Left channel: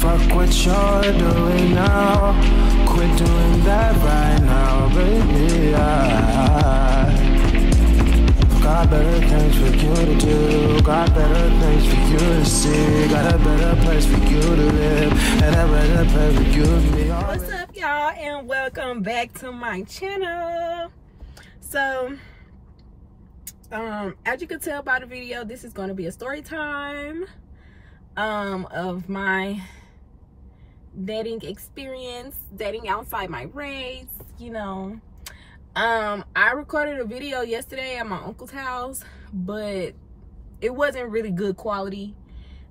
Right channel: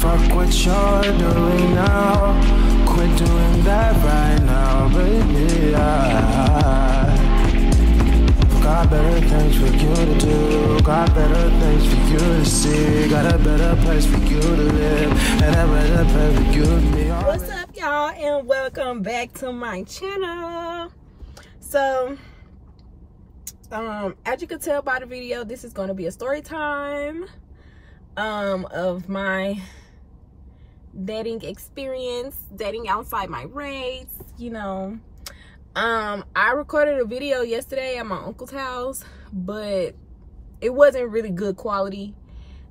fuck what you're doing now. Quit doing that right now, baby. Got better things for you to do. Got better things for you to see. Got a better place for you to live. And a better place for you to be. What's up, y'all, and welcome back to my channel. So, as you can tell by the video, this is going to be a story time of my dating experience, dating outside my race, you know. I recorded a video yesterday at my uncle's house, but it wasn't really good quality,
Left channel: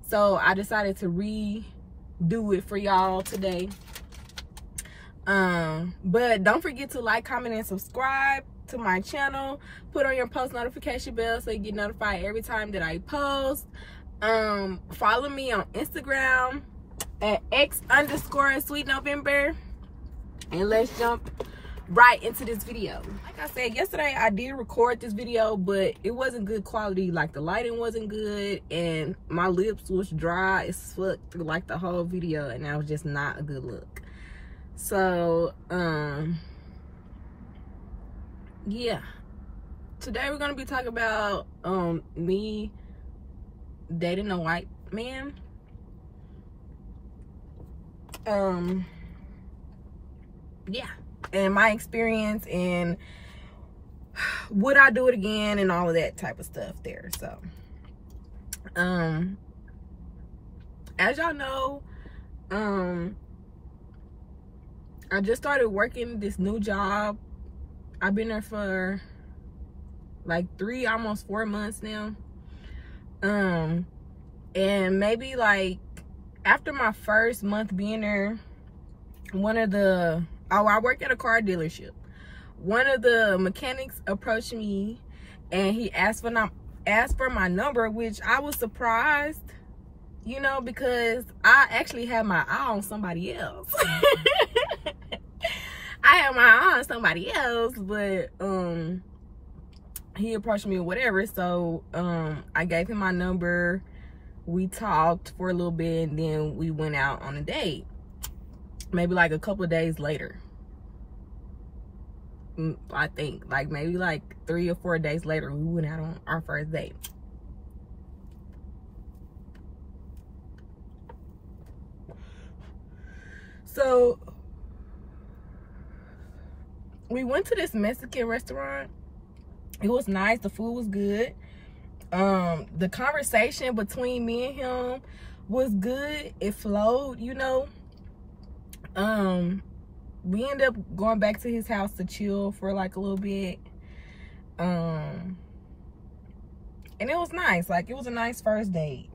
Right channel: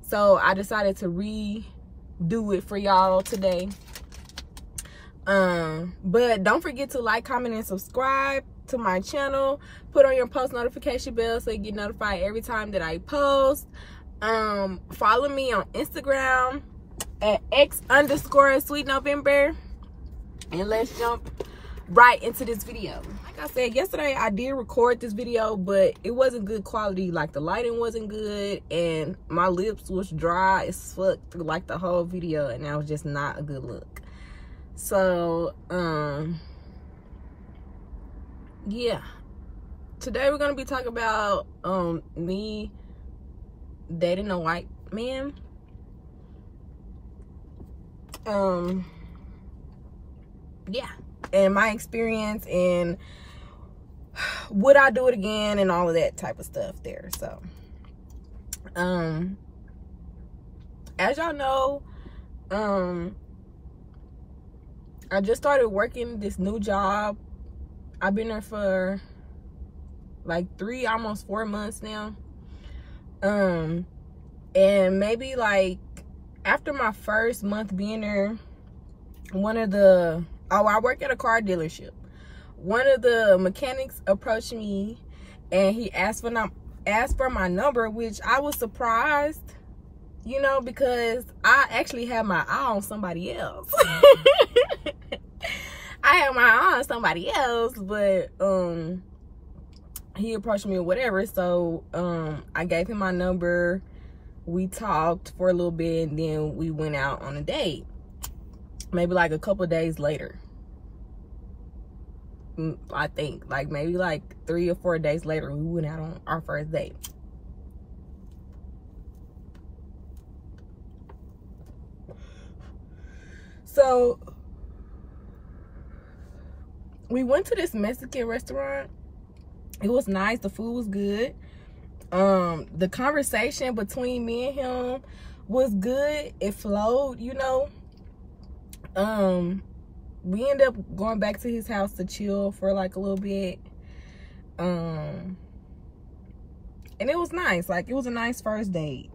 so I decided to redo it for y'all today. But don't forget to like, comment, and subscribe to my channel. Put on your post notification bell so you get notified every time that I post. Follow me on Instagram at x_sweetnovember, and let's jump right into this video. Like I said yesterday, I did record this video, but it wasn't good quality. Like, the lighting wasn't good, and my lips was dry as fuck through like the whole video, and that was just not a good look. So yeah, today we're gonna be talking about me dating a white man. Yeah, and my experience, and would I do it again, and all of that type of stuff there. So as y'all know, I just started working this new job. I've been there for like 3, almost 4 months now. And maybe like after my first month being there, I work at a car dealership. One of the mechanics approached me, and he asked for my number, which I was surprised, you know, because I actually had my eye on somebody else. I had my eye on somebody else, but he approached me or whatever. So I gave him my number. We talked for a little bit, and then we went out on a date. Maybe like a couple of days later, I think, like maybe like 3 or 4 days later, we went out on our first date. So we went to this Mexican restaurant. It was nice. The food was good. The conversation between me and him was good. It flowed, you know. We ended up going back to his house to chill for like a little bit. And it was nice. Like, it was a nice first date.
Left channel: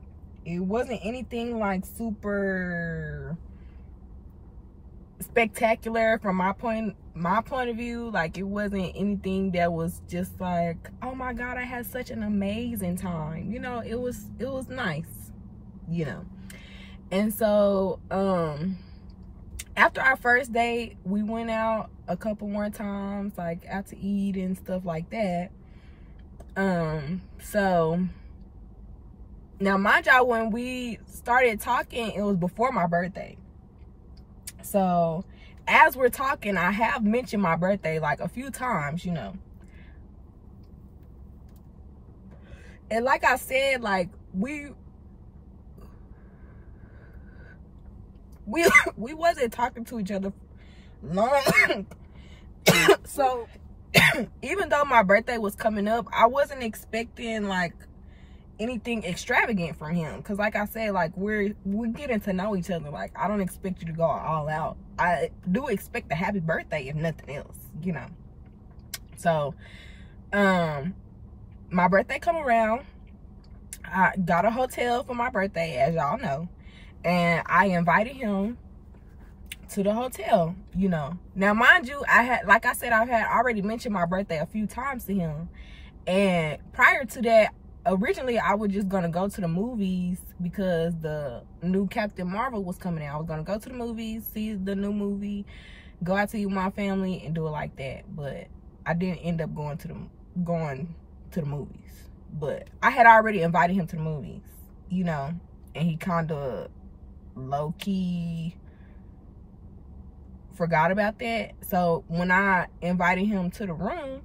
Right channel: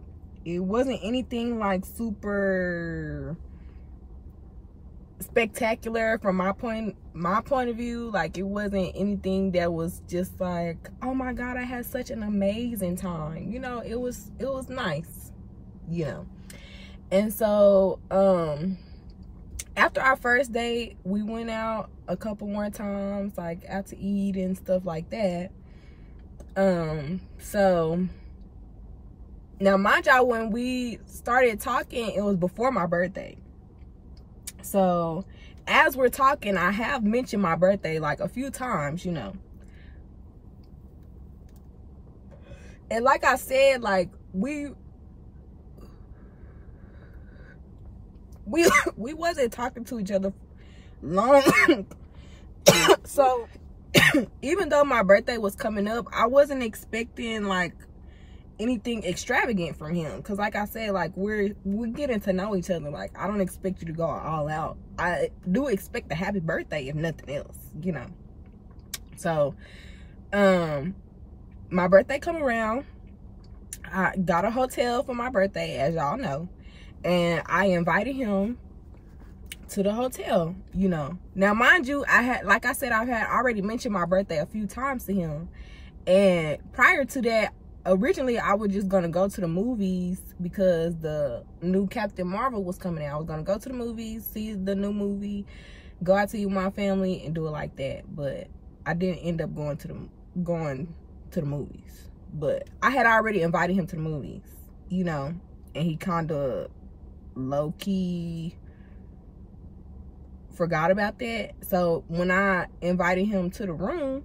It wasn't anything like super spectacular from my point of view. Like, it wasn't anything that was just like, oh my god, I had such an amazing time, you know. It was nice, you know. And so after our first date, we went out a couple more times, like out to eat and stuff like that. So now, mind y'all, when we started talking, it was before my birthday. So as we're talking, I have mentioned my birthday like a few times, you know. And like I said, like we wasn't talking to each other long. So even though my birthday was coming up, I wasn't expecting like anything extravagant from him, because like I said, like we're getting to know each other. Like, I don't expect you to go all out. I do expect a happy birthday, if nothing else, you know. So my birthday come around, I got a hotel for my birthday, as y'all know, and I invited him to the hotel, you know. Now, mind you, like I said, I've had already mentioned my birthday a few times to him, and prior to that, originally I was just gonna go to the movies because the new Captain Marvel was coming out. I was gonna go to the movies, see the new movie, go out to eat with my family, and do it like that. But I didn't end up going to the movies. But I had already invited him to the movies, you know, and he kind of low-key forgot about that. So when I invited him to the room,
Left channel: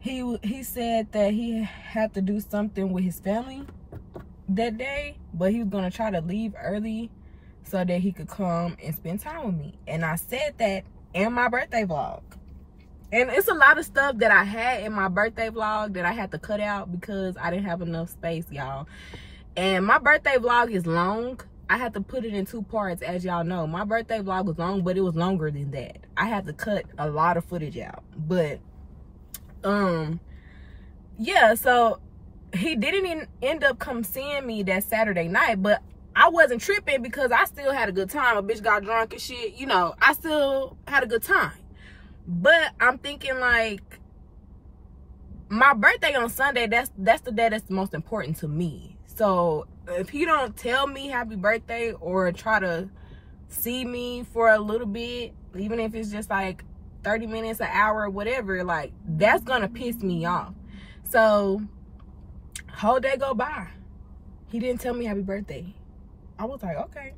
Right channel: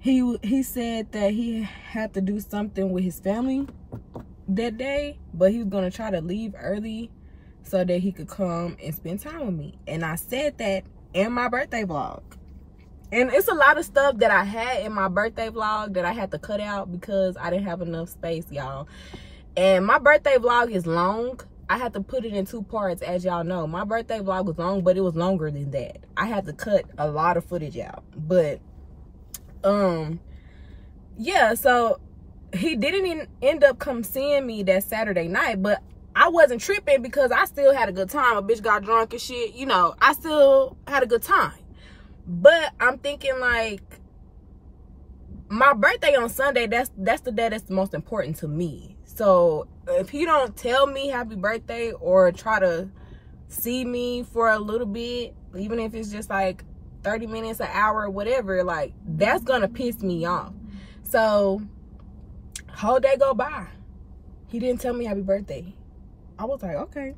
he said that he had to do something with his family that day, but he was gonna try to leave early so that he could come and spend time with me. And I said that in my birthday vlog. And it's a lot of stuff that I had in my birthday vlog that I had to cut out because I didn't have enough space, y'all. And my birthday vlog is long. I had to put it in 2 parts, as y'all know. My birthday vlog was long, but it was longer than that. I had to cut a lot of footage out. But yeah, so he didn't even end up come seeing me that Saturday night, but I wasn't tripping because I still had a good time. A bitch got drunk and shit, you know, I still had a good time. But I'm thinking, like, my birthday on Sunday, that's the day that's the most important to me. So if he don't tell me happy birthday or try to see me for a little bit, even if it's just like 30 minutes, an hour, whatever, like, that's gonna piss me off. So whole day go by, he didn't tell me happy birthday. I was like, okay.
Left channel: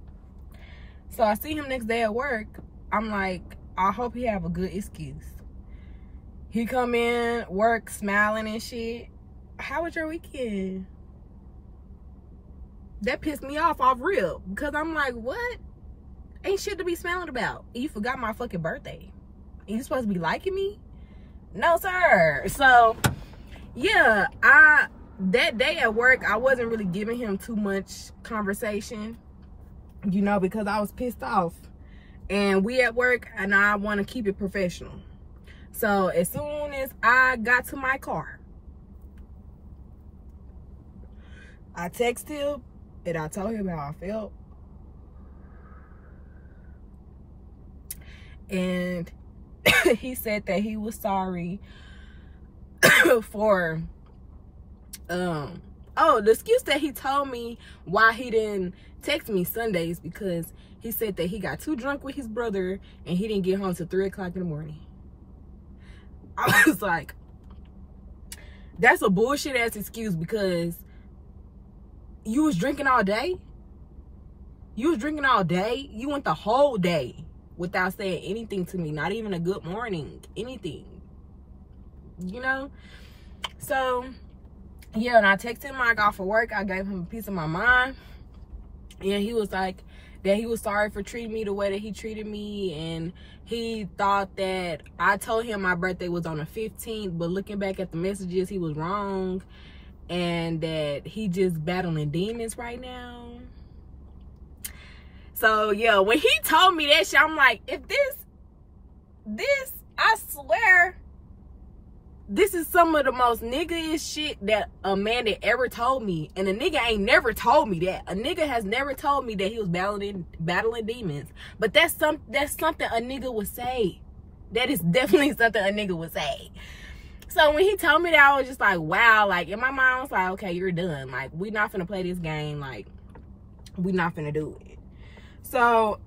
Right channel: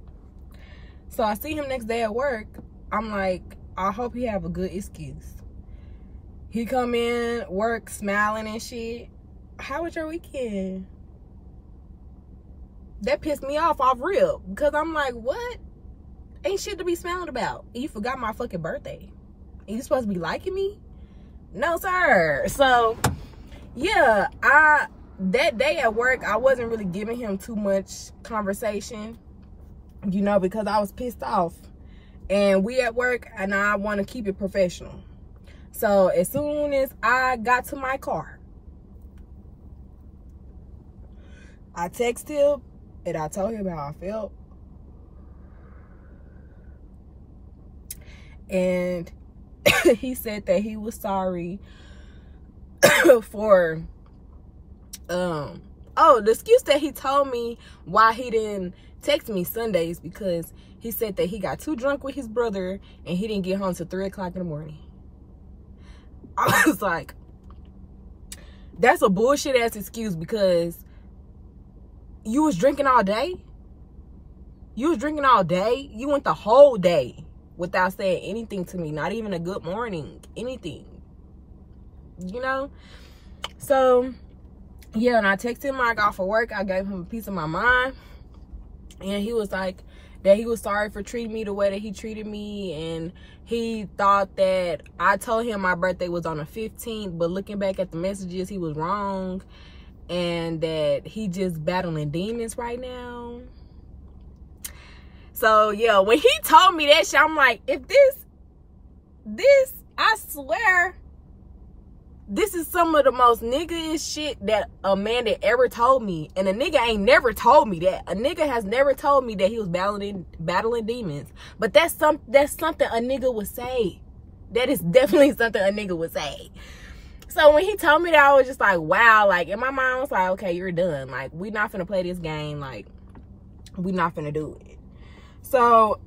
So I see him next day at work. I'm like, I hope he have a good excuse. He come in, work, smiling and shit. How was your weekend? That pissed me off real, because I'm like, what? Ain't shit to be smiling about. You forgot my fucking birthday. You supposed to be liking me? No, sir. So yeah, that day at work, I wasn't really giving him too much conversation, you know, because I was pissed off. And we at work, and I want to keep it professional. So as soon as I got to my car, I texted him and I told him how I felt. And he said that he was sorry for the excuse that he told me why he didn't text me Sundays, because he said that he got too drunk with his brother and he didn't get home till 3 o'clock in the morning. I was like, that's a bullshit ass excuse, because you was drinking all day. You was drinking all day. You went the whole day without saying anything to me, not even a good morning, anything, you know? So yeah, and I texted him when I got for work. I gave him a piece of my mind, and he was like that he was sorry for treating me the way that he treated me, and he thought that I told him my birthday was on the 15th, but looking back at the messages, he was wrong, and that he just battling demons right now. So yeah, when he told me that shit, I'm like, if this, I swear, this is some of the most nigga-ish shit that a man that ever told me. And a nigga ain't never told me that. A nigga has never told me that he was battling demons. But that's something a nigga would say. That is definitely something a nigga would say. So when he told me that, I was just like, wow. Like, in my mind, I was like, okay, you're done. Like, we not finna play this game. Like, we not finna do it. So,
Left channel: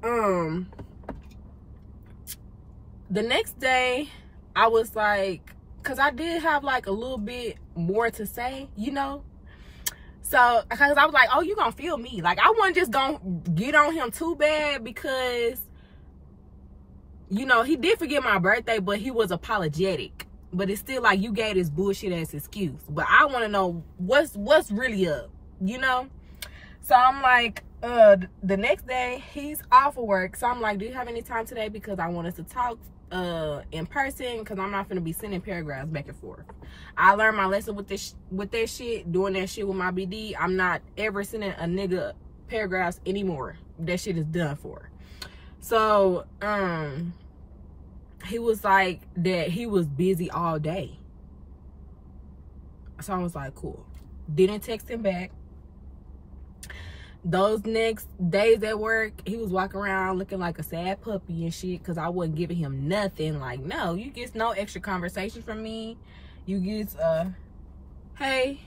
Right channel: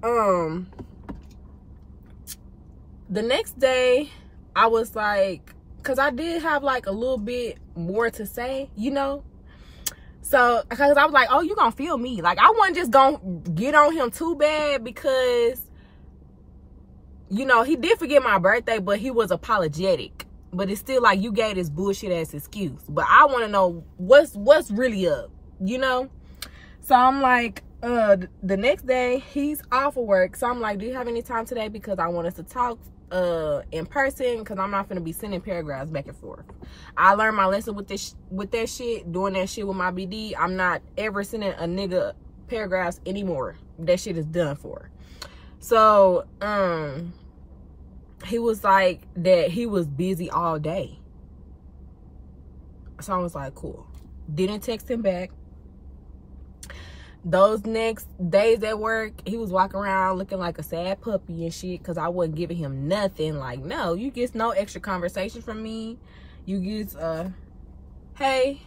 the next day, I was like, because I did have like a little bit more to say, you know. So, because I was like, oh, you gonna feel me. Like, I wasn't just gonna get on him too bad, because, you know, he did forget my birthday, but he was apologetic. But it's still like, you gave this bullshit ass excuse. But I want to know what's really up, you know. So I'm like, the next day, he's off of work. So I'm like, do you have any time today? Because I want us to talk in person, because I'm not gonna be sending paragraphs back and forth. I learned my lesson with that shit, doing that shit with my BD. I'm not ever sending a nigga paragraphs anymore. That shit is done for. So he was like that he was busy all day. So I was like, cool. Didn't text him back. Those next days at work, he was walking around looking like a sad puppy and shit, because I wasn't giving him nothing. Like, no, you get no extra conversation from me. You get, hey,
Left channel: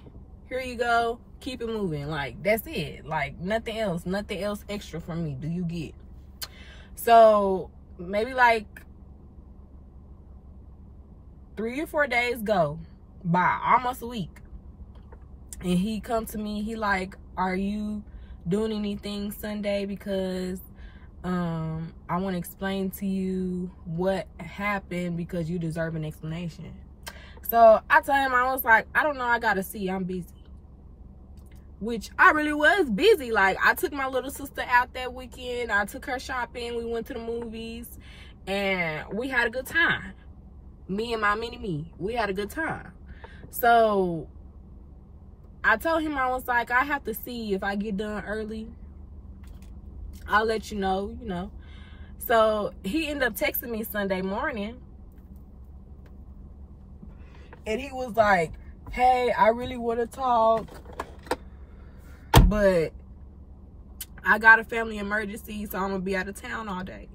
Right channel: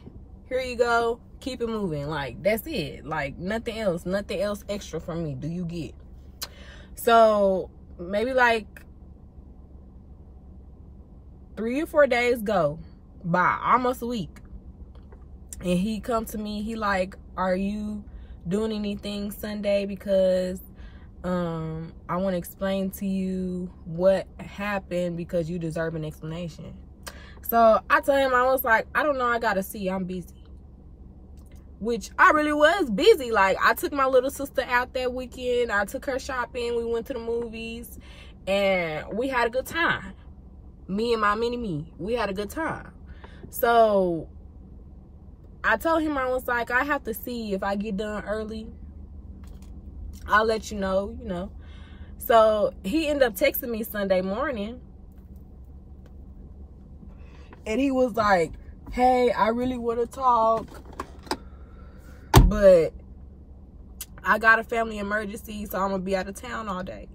here you go. Keep it moving. Like, that's it. Like, nothing else extra from me do you get. So, maybe like 3 or 4 days go by, almost a week. And he come to me, he like, are you doing anything Sunday because I want to explain to you what happened because you deserve an explanation. So I told him, I was like, I don't know, I gotta see, I'm busy. Which I really was busy. Like, I took my little sister out that weekend. I took her shopping. We went to the movies. And we had a good time. Me and my mini-me. We had a good time. So, I told him, I was like, I have to see if I get done early. I'll let you know, you know. So, he ended up texting me Sunday morning. And he was like, hey, I really want to talk, but I got a family emergency, so I'm gonna be out of town all day.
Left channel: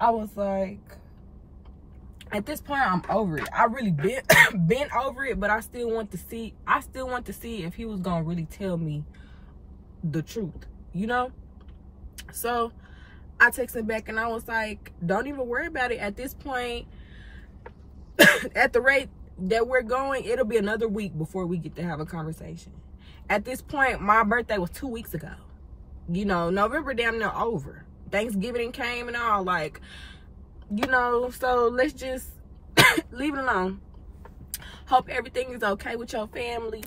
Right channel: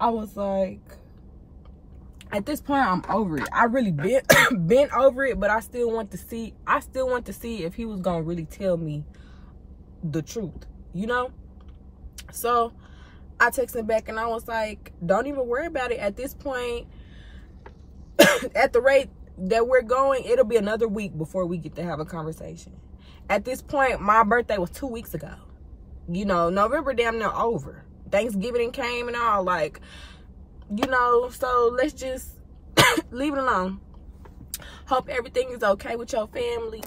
I was like, at this point, I'm over it. I really been over it, but I still want to see if he was gonna really tell me the truth, you know? So I texted back and I was like, don't even worry about it. At this point, at the rate that we're going, it'll be another week before we get to have a conversation. At this point, my birthday was 2 weeks ago. You know, November damn near over. Thanksgiving came and all, like, you know, so let's just leave it alone. Hope everything is okay with your family.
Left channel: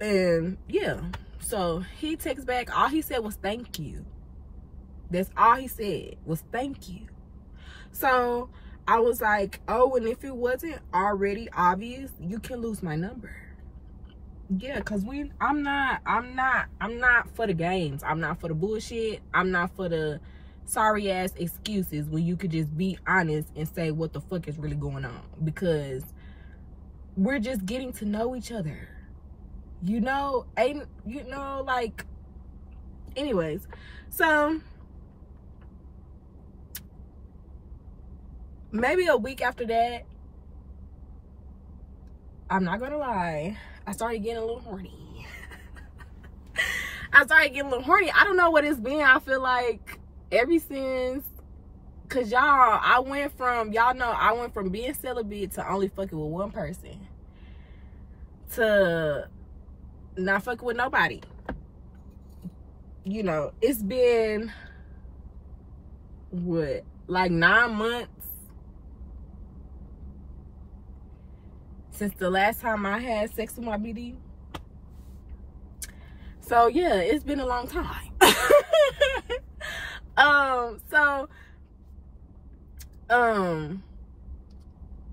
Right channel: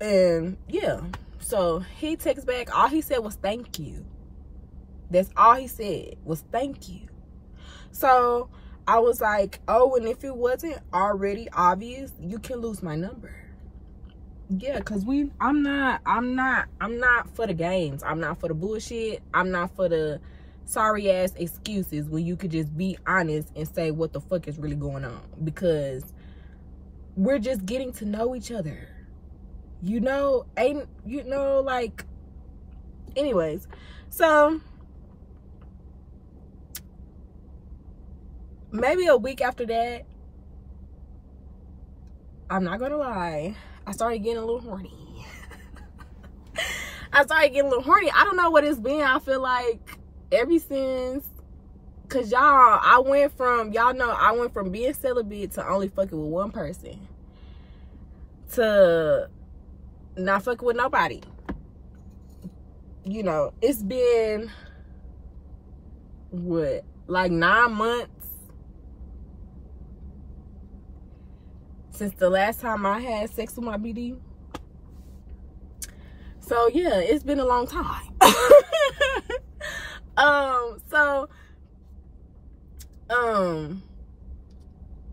And, yeah. So, he texts back. All he said was thank you. That's all he said was thank you. So, I was like, oh, and if it wasn't already obvious, you can lose my number. Yeah, cause I'm not for the games. I'm not for the bullshit. I'm not for the sorry ass excuses when you could just be honest and say what the fuck is really going on. Because we're just getting to know each other. You know, like, anyways. So maybe a week after that, I'm not gonna lie, I started getting a little horny. I don't know what it's been. I feel like ever since, cause y'all, I went from being celibate to only fucking with one person to not fucking with nobody. You know, it's been what, like 9 months since the last time I had sex with my BD. So yeah, it's been a long time.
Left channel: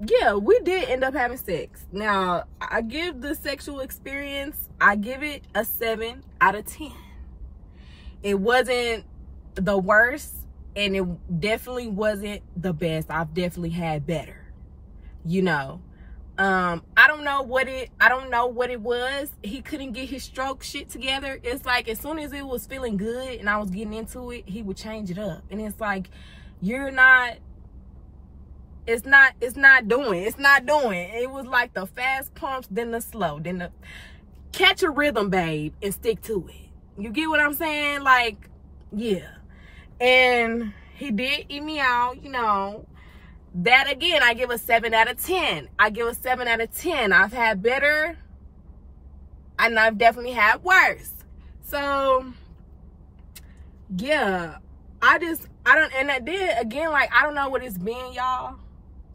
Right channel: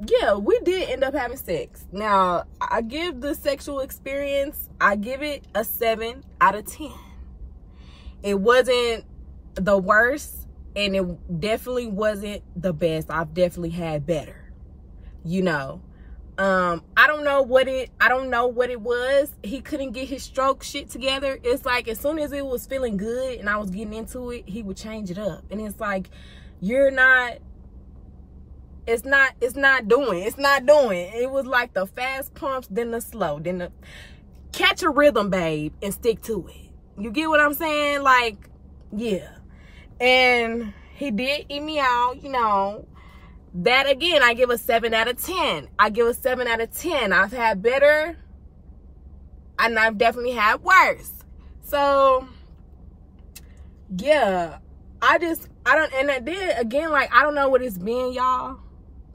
Yeah, we did end up having sex. Now, I give the sexual experience, I give it a 7 out of 10. It wasn't the worst, and it definitely wasn't the best. I've definitely had better, you know. I don't know what it was. He couldn't get his stroke shit together. It's like as soon as it was feeling good and I was getting into it, he would change it up. And it's like, it's not doing. It was like the fast pumps, then the slow, then the catch a rhythm, babe, and stick to it. You get what I'm saying? Like, yeah. And he did eat me out, you know. That again, I give a 7 out of 10. I've had better, and I've definitely had worse. So, yeah, I don't know what it's been, y'all,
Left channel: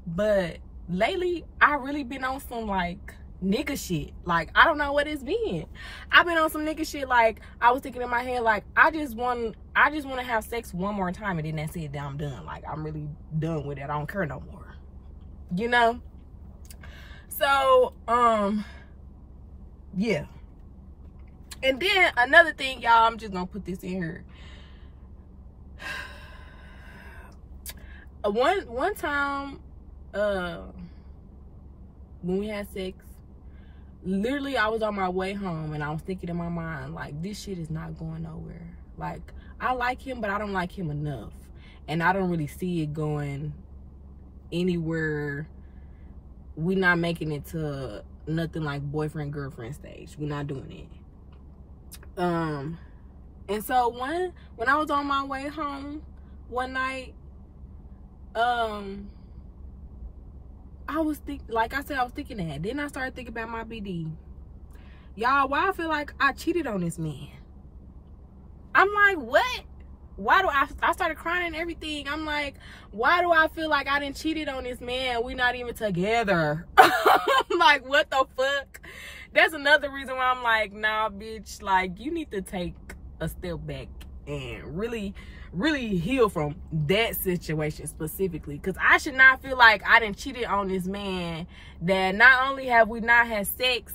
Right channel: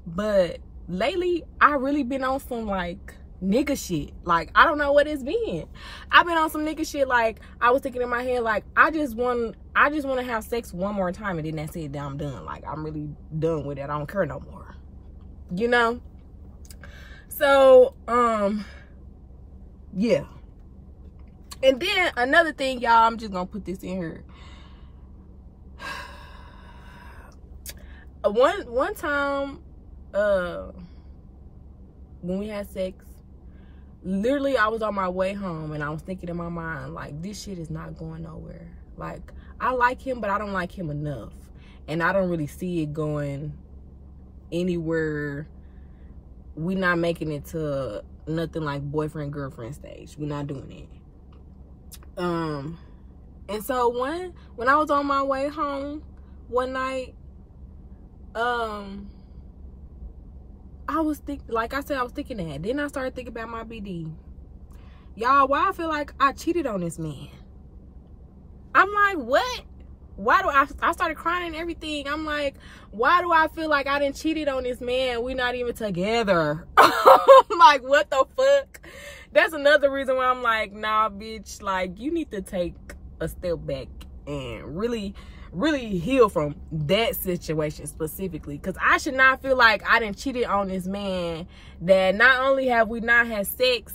but lately, I really been on some, like, nigga shit. Like, I don't know what it's been. I've been on some nigga shit. Like, I was thinking in my head, like, I just want to have sex one more time, and then that's it. Then I'm done. Like, I'm really done with it. I don't care no more, you know. So yeah. And then another thing, y'all, I'm just gonna put this in here. One time when we had sex, literally I was on my way home and I was thinking in my mind, like, this shit is not going nowhere. Like, I like him, but I don't like him enough, and I don't really see it going anywhere. We not making it to nothing like boyfriend girlfriend stage. We're not doing it. And so when I was on my way home one night, I was thinking, like I said, I was thinking that. Then I started thinking about my BD. y'all, why I feel like I cheated on this man. I'm like, what? Why do I started crying and everything. I'm like, why do I feel like I done cheated on this man? We not even together. I'm like, what the fuck? That's another reason why I'm like, nah, bitch, like, you need to take a step back and really heal from that situation specifically. Because I should not feel like I done cheated on this man that not only have we not had sex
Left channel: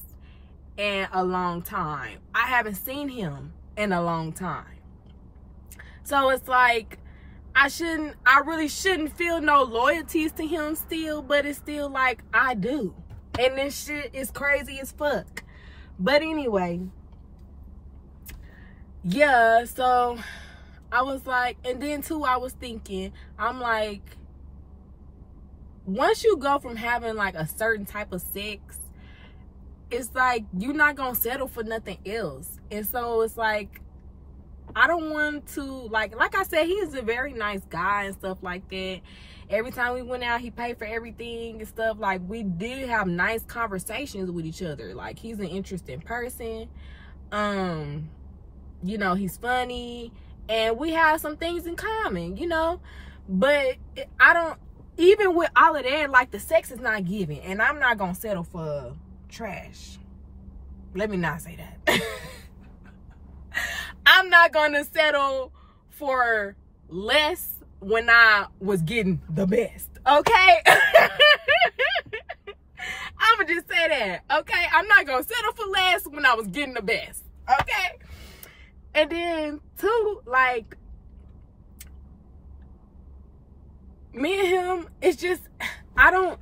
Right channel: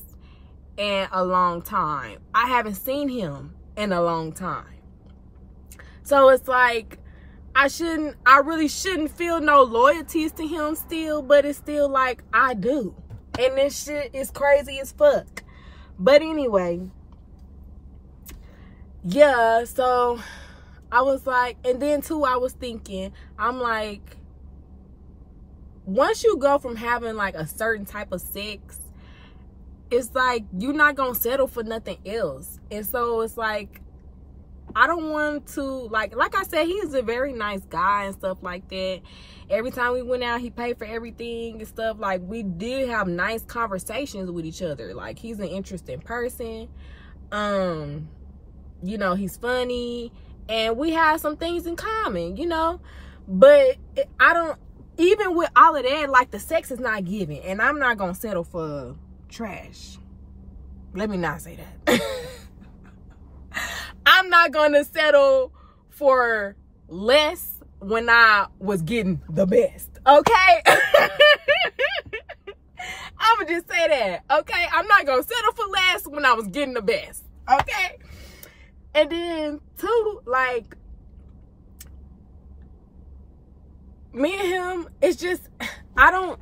in a long time, I haven't seen him in a long time. So it's like, I really shouldn't feel no loyalties to him still, but it's still like I do. And this shit is crazy as fuck. But anyway, yeah, so I was like, and then too, I was thinking, I'm like, once you go from having like a certain type of sex, it's like, you're not gonna settle for nothing else. And so it's like, I don't want to, like I said, he's a very nice guy and stuff like that. Every time we went out, he paid for everything and stuff. Like, we did have nice conversations with each other. Like, he's an interesting person. You know, he's funny. And we have some things in common, you know. But I don't, even with all of that, like, the sex is not giving. And I'm not going to settle for trash. Let me not say that. I'm not going to settle for less when I was getting the best, okay? I'm going to just say that, okay? I'm not going to settle for less when I was getting the best, okay? And then, too, like, me and him, it's just,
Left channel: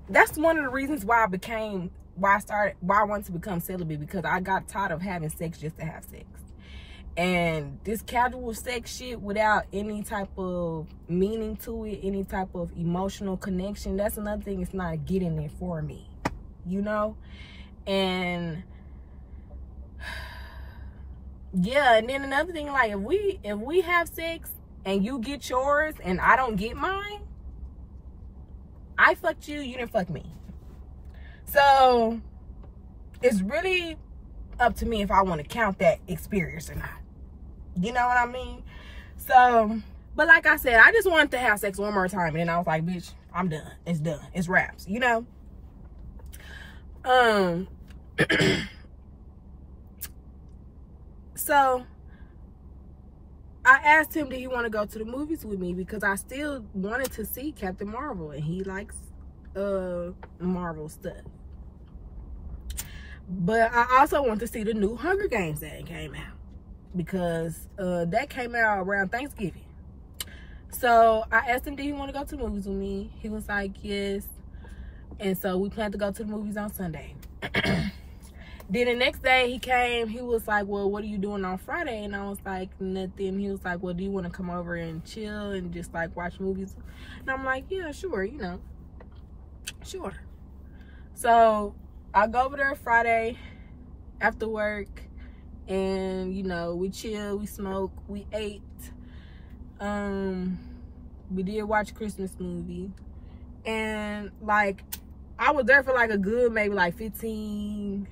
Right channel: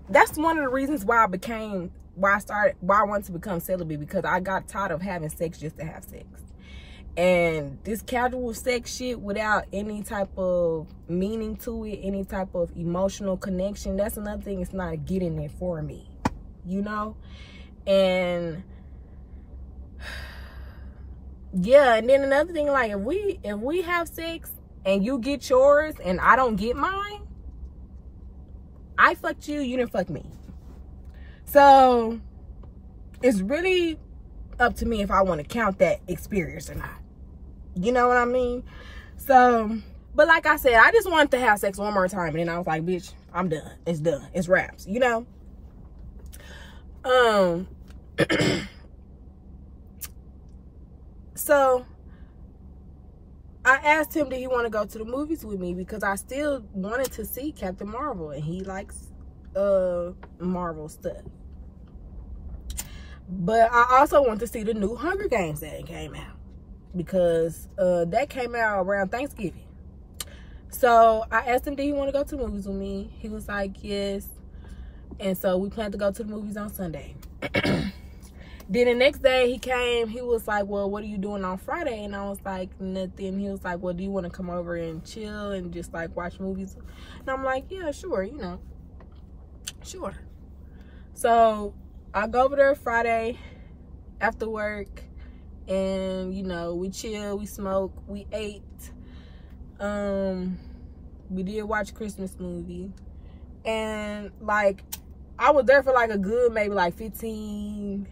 that's one of the reasons why I wanted to become celibate, because I got tired of having sex just to have sex. And this casual sex shit without any type of meaning to it, any type of emotional connection, that's another thing. It's not getting it for me, you know? And yeah, and then another thing, like, if we have sex and you get yours and I don't get mine, I fucked you, you didn't fuck me. So it's really up to me if I want to count that experience or not. You know what I mean? So, but like I said, I just wanted to have sex one more time, and then I was like, bitch, I'm done. It's done. It's wraps, you know? So I asked him, did he want to go to the movies with me, because I still wanted to see Captain Marvel, and he likes Marvel stuff. But I also want to see the new Hunger Games that came out, because that came out around Thanksgiving. So I asked him, did he want to go to the movies with me? He was like, yes. And so we planned to go to the movies on Sunday. Then the next day he came, he was like, well, what are you doing on Friday? And I was like, nothing. He was like, well, do you want to come over and chill and just like watch movies? And I'm like, yeah, sure, you know, sure. So I go over there Friday after work, and you know, we chill, we smoke, we ate. We did watch a Christmas movie, and like I was there for like a good maybe like 15,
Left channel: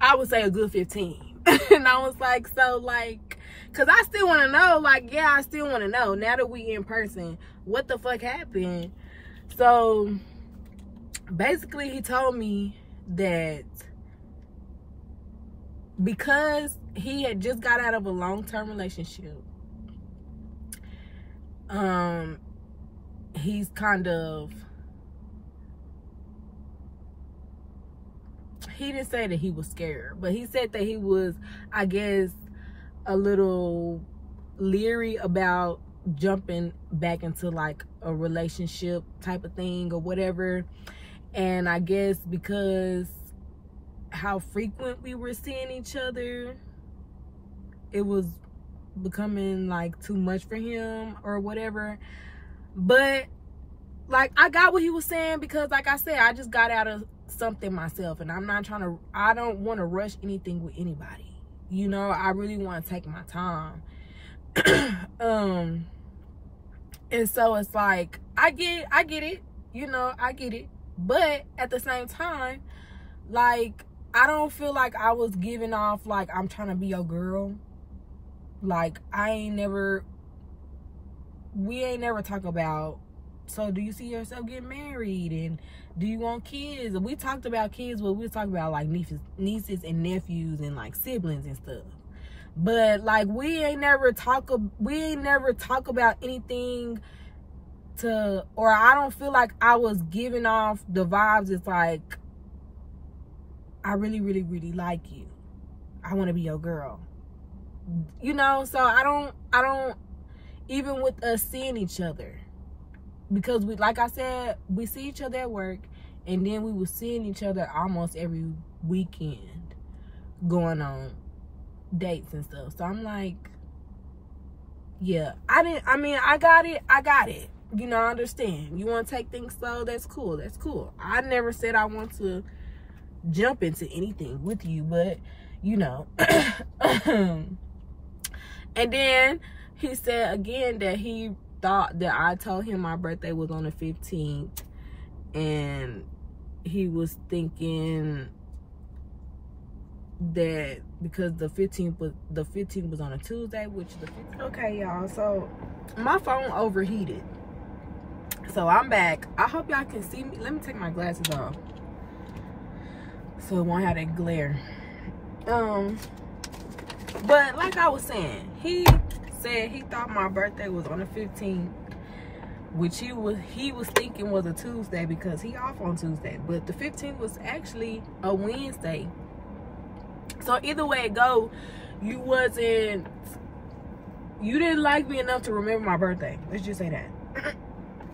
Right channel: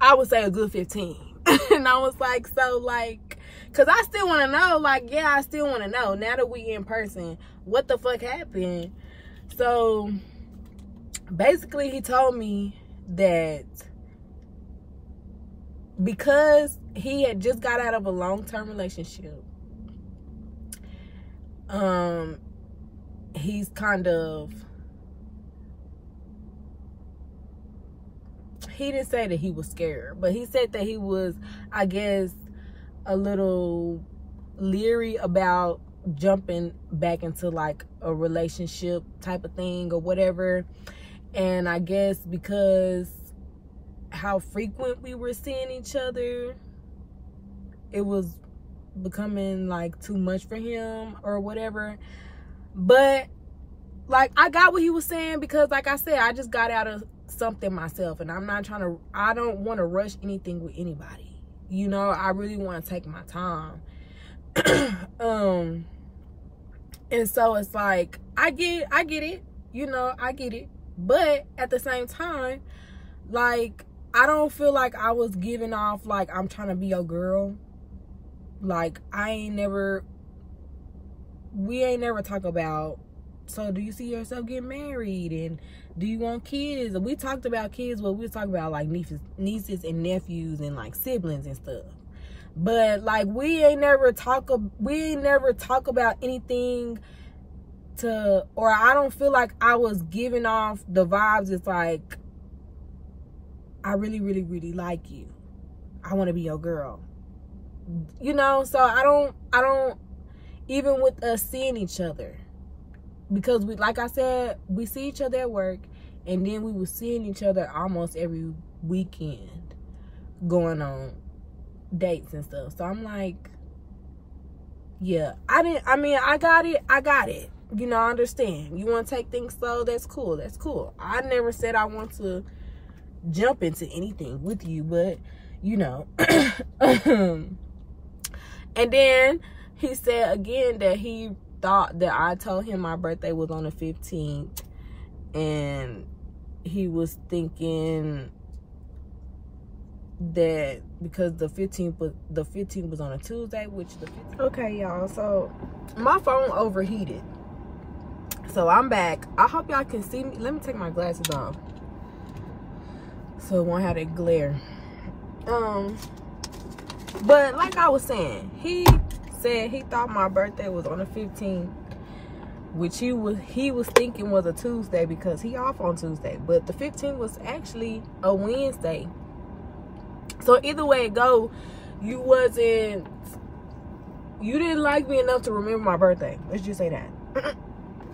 I would say a good 15. And I was like, so like, cause I still want to know, like, yeah, I still want to know now that we in person, what the fuck happened. So basically he told me that because he had just got out of a long-term relationship, he's kind of, he didn't say that he was scared, but he said that he was, I guess, a little leery about jumping back into like a relationship type of thing or whatever. And I guess because how frequent we were seeing each other, it was becoming like too much for him or whatever. But like, I got what he was saying, because like I said, I just got out of something myself, and I'm not trying to, I don't want to rush anything with anybody, you know. I really want to take my time. And so it's like, I get it, you know, I get it. But at the same time, like, I don't feel like I was giving off like I'm trying to be your girl. Like, we ain't never talk about, so do you see yourself getting married, and do you want kids? We talked about kids, but we was talking about like nieces and nephews and like siblings and stuff. But like we ain't never talk about anything to, or I don't feel like I was giving off the vibes. It's like, I really, really, really like you. I want to be your girl. You know, so I don't, even with us seeing each other, because we, like I said, we see each other at work, and then we were seeing each other almost every weekend, going on dates and stuff. So I'm like, yeah, I got it. You know, I understand. You want to take things slow, that's cool. That's cool. I never said I want to jump into anything with you, but, you know. And then he said again that he thought that I told him my birthday was on the 15th, and he was thinking that because the 15th was on a Tuesday, which okay, y'all, so my phone overheated, so I'm back. I hope y'all can see me. Let me take my glasses off so it won't have that glare. But like I was saying, he said he thought my birthday was on the 15th, which he was thinking was a Tuesday because he off on Tuesday, but the 15th was actually a Wednesday. So either way it go, you didn't like me enough to remember my birthday. Let's just say that.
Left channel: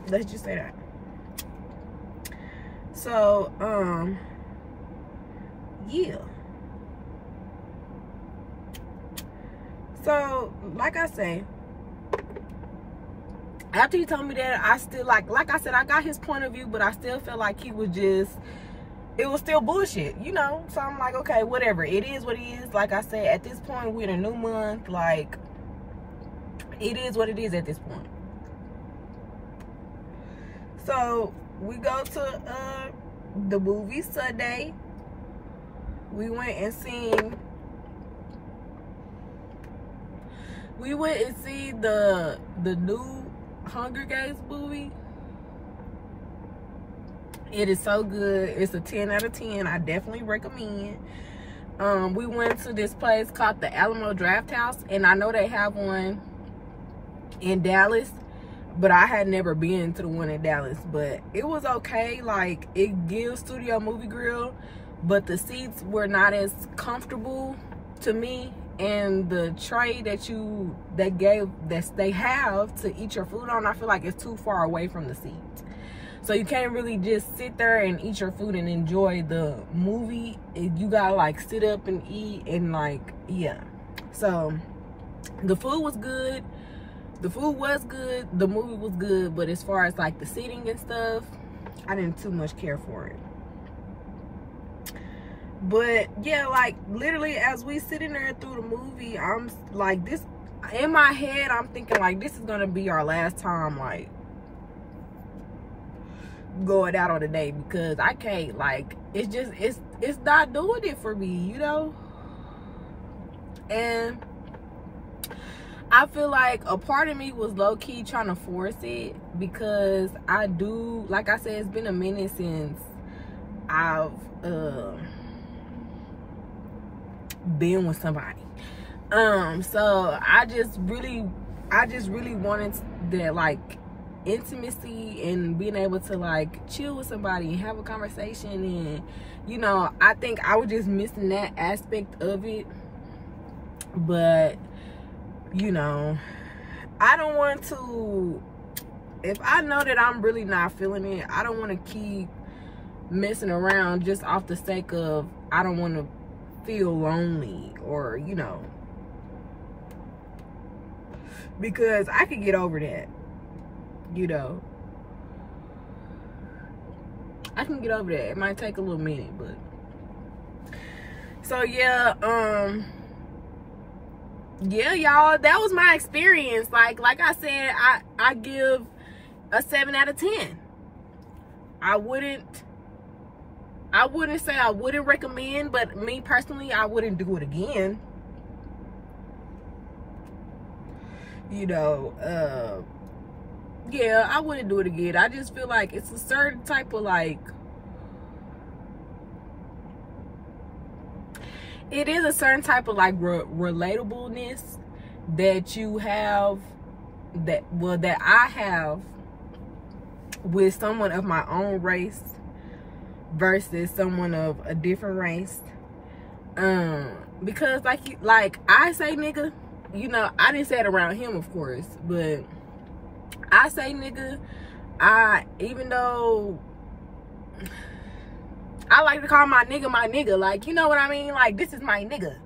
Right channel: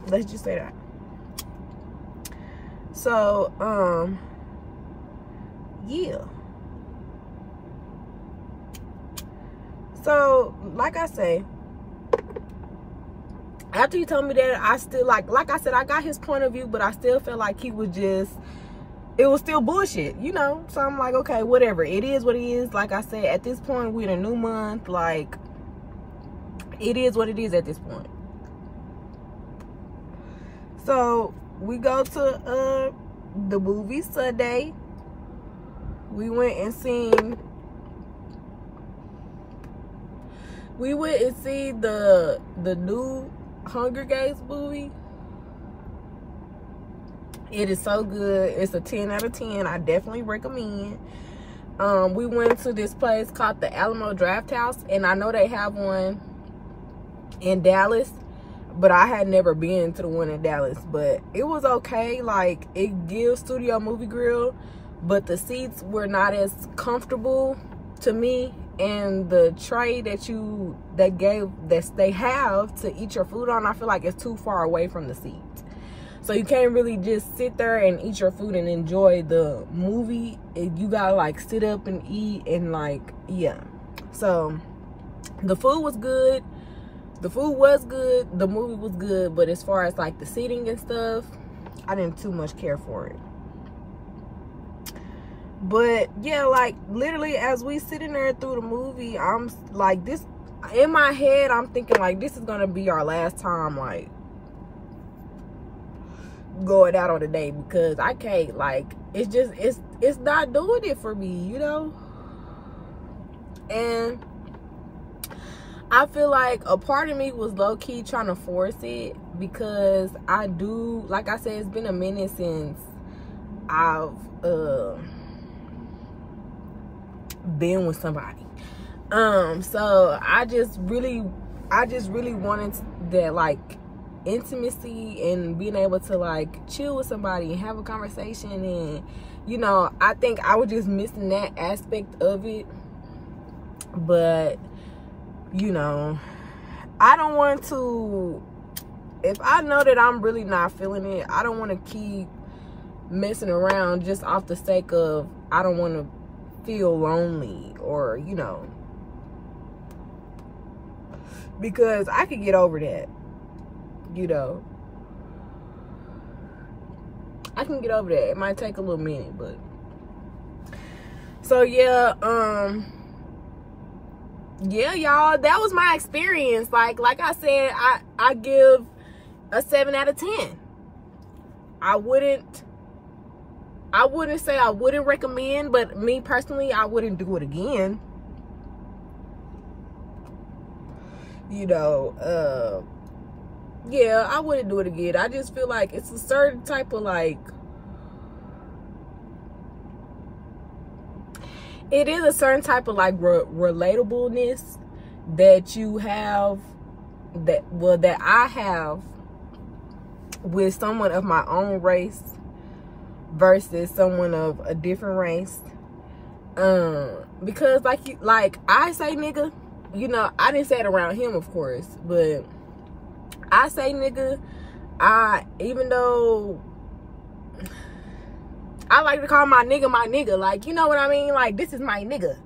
Let's just say that. So yeah. So, like I say, after he told me that, I still, like I said, I got his point of view, but I still felt like he was just, it was still bullshit, you know? So, I'm like, okay, whatever. It is what it is. Like I said, at this point, we're in a new month. Like, it is what it is at this point. So, we go to the movie Sunday. We went and seen the new Hunger Games movie. It is so good. It's a 10 out of 10. I definitely recommend. We went to this place called the Alamo Draft House, and I know they have one in Dallas, but I had never been to the one in Dallas. But it was okay. Like, it gives Studio Movie Grill, but the seats were not as comfortable to me. And the tray that they have to eat your food on, I feel like it's too far away from the seat. So you can't really just sit there and eat your food and enjoy the movie. You gotta like sit up and eat, and like, yeah. So the food was good. The food was good. The movie was good. But as far as like the seating and stuff, I didn't too much care for it. But yeah, like literally as we sitting there through the movie, I'm like, this in my head, I'm thinking like, this is gonna be our last time like going out on a date, because I can't, like, it's just, it's not doing it for me, you know. And I feel like a part of me was low-key trying to force it, because I do, like I said, it's been a minute since I've been with somebody. So I just really wanted that, like, intimacy and being able to like chill with somebody and have a conversation. And you know, I think I was just missing that aspect of it. But you know, I don't want to, if I know that I'm really not feeling it, I don't want to keep messing around just off the sake of, I don't want to feel lonely, or you know, because I could get over that, you know. I can get over that. It might take a little minute, but so yeah, yeah, y'all, that was my experience. Like I said, I give a 7 out of 10. I I wouldn't say I wouldn't recommend, but me personally, I wouldn't do it again. You know, yeah, I wouldn't do it again. I just feel like it's a certain type of like, it is a certain type of like relatableness that you have, that I have with someone of my own race versus someone of a different race. Because like I say nigga, you know, I didn't say it around him, of course, but I say nigga, even though I like to call my nigga, like, you know what I mean? Like, this is my nigga.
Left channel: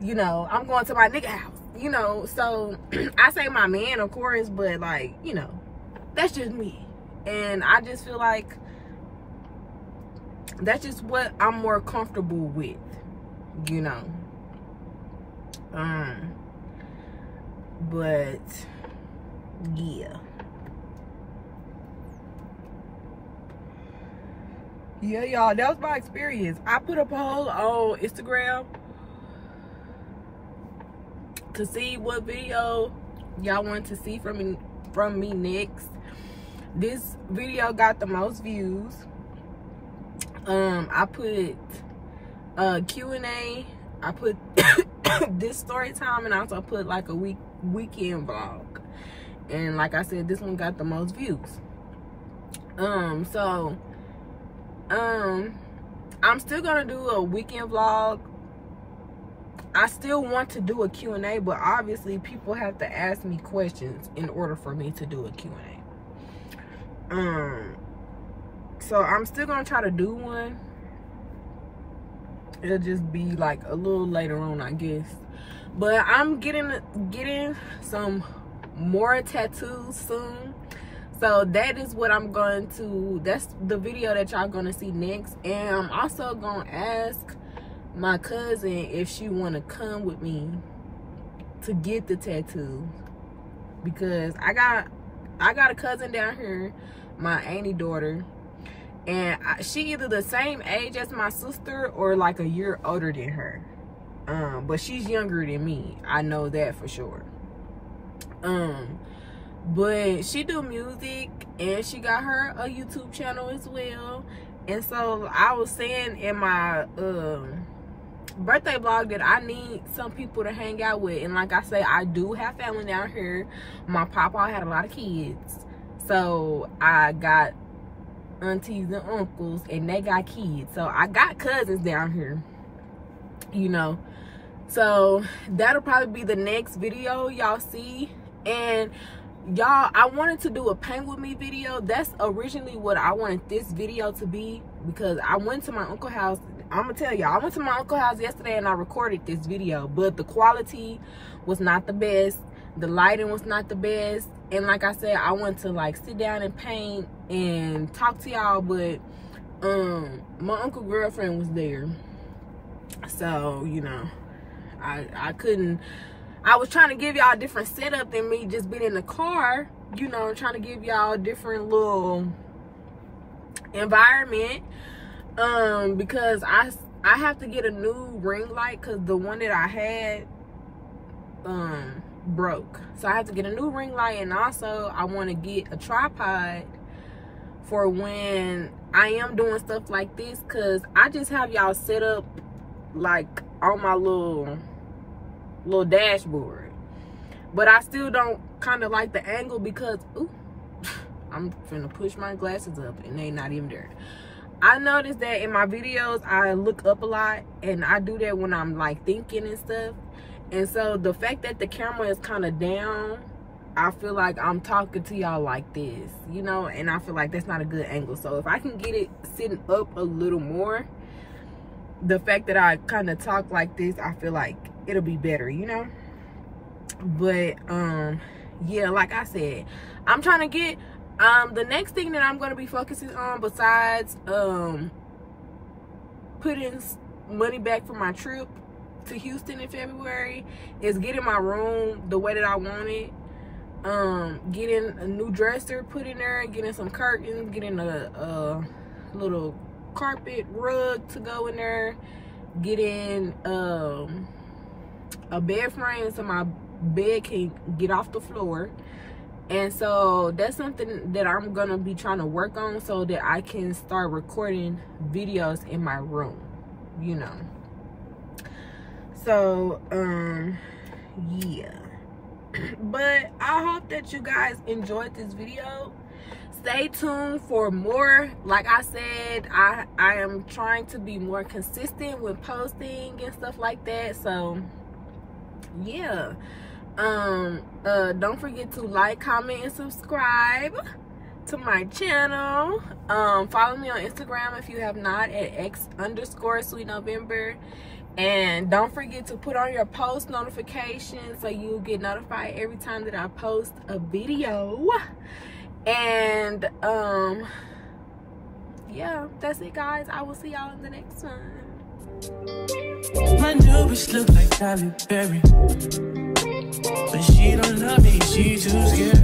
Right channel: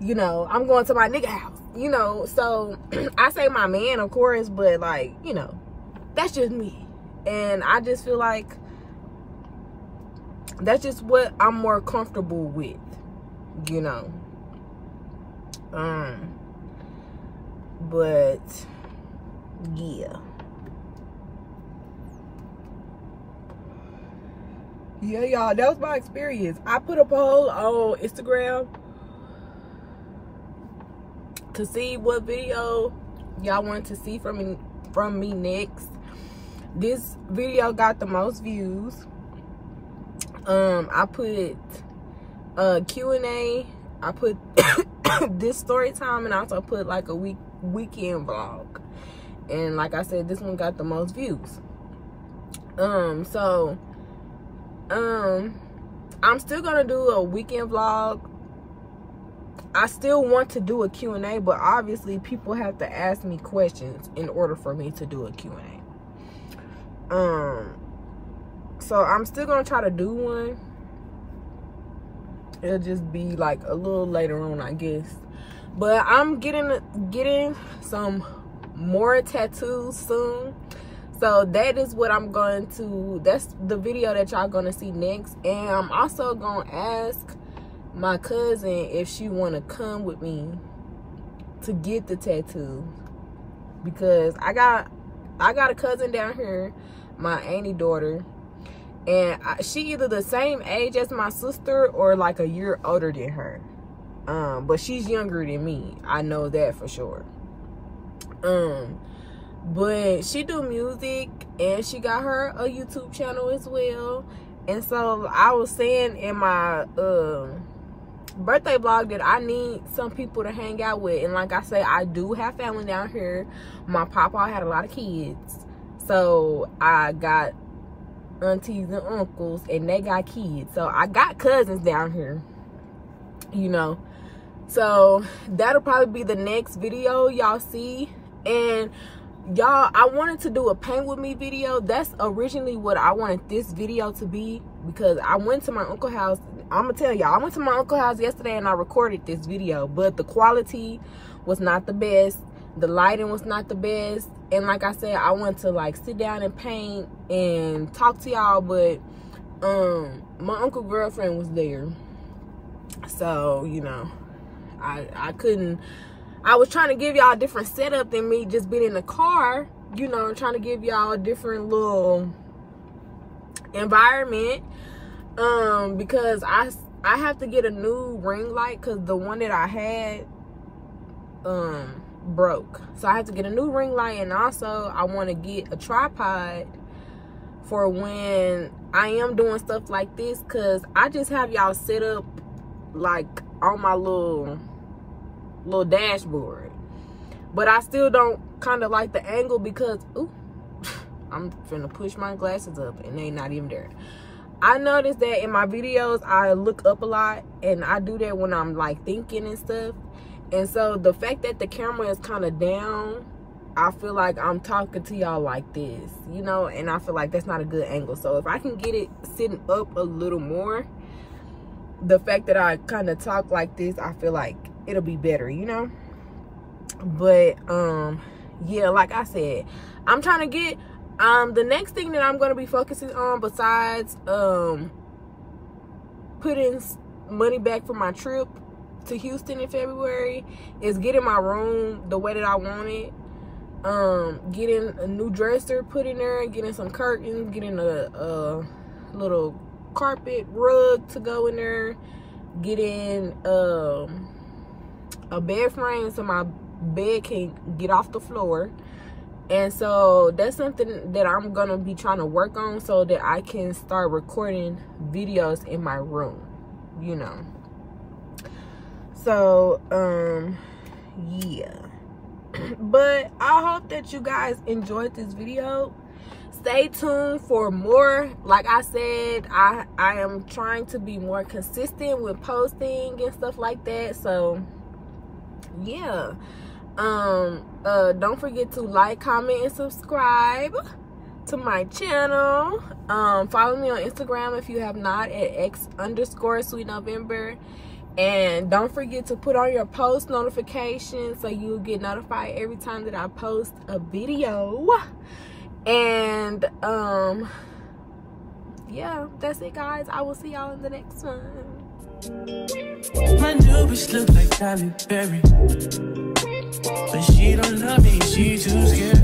You know, I'm going to my nigga house, you know? So, I say my man, of course, but, like, you know, that's just me. And I just feel like that's just what I'm more comfortable with, you know? But, yeah. Yeah, y'all, that was my experience. I put a poll on Instagram to see what video y'all want to see from me next. This video got the most views. I put Q&A. I put this story time, and I also put like a weekend vlog. And like I said, this one got the most views. I'm still gonna do a weekend vlog. I still want to do a Q&A, but obviously people have to ask me questions in order for me to do a Q&A. So I'm still gonna try to do one. It'll just be like a little later on, I guess. But I'm getting some more tattoos soon. So that is what I'm going to, that's the video that y'all gonna see next. And I'm also gonna ask my cousin if she wanna come with me to get the tattoo, because I got a cousin down here, my auntie daughter, and she either the same age as my sister or like a year older than her. But she's younger than me, I know that for sure. But she do music, and she got her a YouTube channel as well. And so I was saying in my birthday vlog that I need some people to hang out with. And like I say, I do have family down here. My papa had a lot of kids, so I got aunties and uncles, and they got kids. So I got cousins down here, you know. So that'll probably be the next video y'all see. And y'all, I wanted to do a paint with me video. That's originally what I wanted this video to be, because I went to my uncle's house. I'm gonna tell y'all, I went to my uncle's house yesterday and I recorded this video, but the quality was not the best, the lighting was not the best, and like I said, I wanted to like sit down and paint and talk to y'all, but my uncle's girlfriend was there, so you know, I couldn't. I was trying to give y'all a different setup than me just being in the car, you know, trying to give y'all a different little environment, because I have to get a new ring light, because the one that I had broke. So I have to get a new ring light, and also I want to get a tripod for when I am doing stuff like this, because I just have y'all set up like on my little dashboard, but I still don't kind of like the angle, because ooh, I'm finna push my glasses up and they not even there. I noticed that in my videos I look up a lot, and I do that when I'm like thinking and stuff, and so the fact that the camera is kind of down, I feel like I'm talking to y'all like this, you know, and I feel like that's not a good angle. So if I can get it sitting up a little more, the fact that I kind of talk like this, I feel like it'll be better, you know. But yeah, like I said, I'm trying to get the next thing that I'm going to be focusing on, besides putting money back for my trip to Houston in February, is getting my room the way that I want it, getting a new dresser put in there, getting some curtains, getting a little carpet rug to go in there, getting a bed frame so my bed can get off the floor. And so that's something that I'm gonna be trying to work on so that I can start recording videos in my room, you know. So yeah. But I hope that you guys enjoyed this video. Stay tuned for more. Like I said, I am trying to be more consistent with posting and stuff like that. So yeah. Don't forget to like, comment, and subscribe to my channel. Follow me on Instagram if you have not at x_sweetnovember. And don't forget to put on your post notifications so you get notified every time that I post a video. And yeah, that's it, guys. I will see y'all in the next one. My new bitch look like Halle Berry, but she don't love me, she too scared.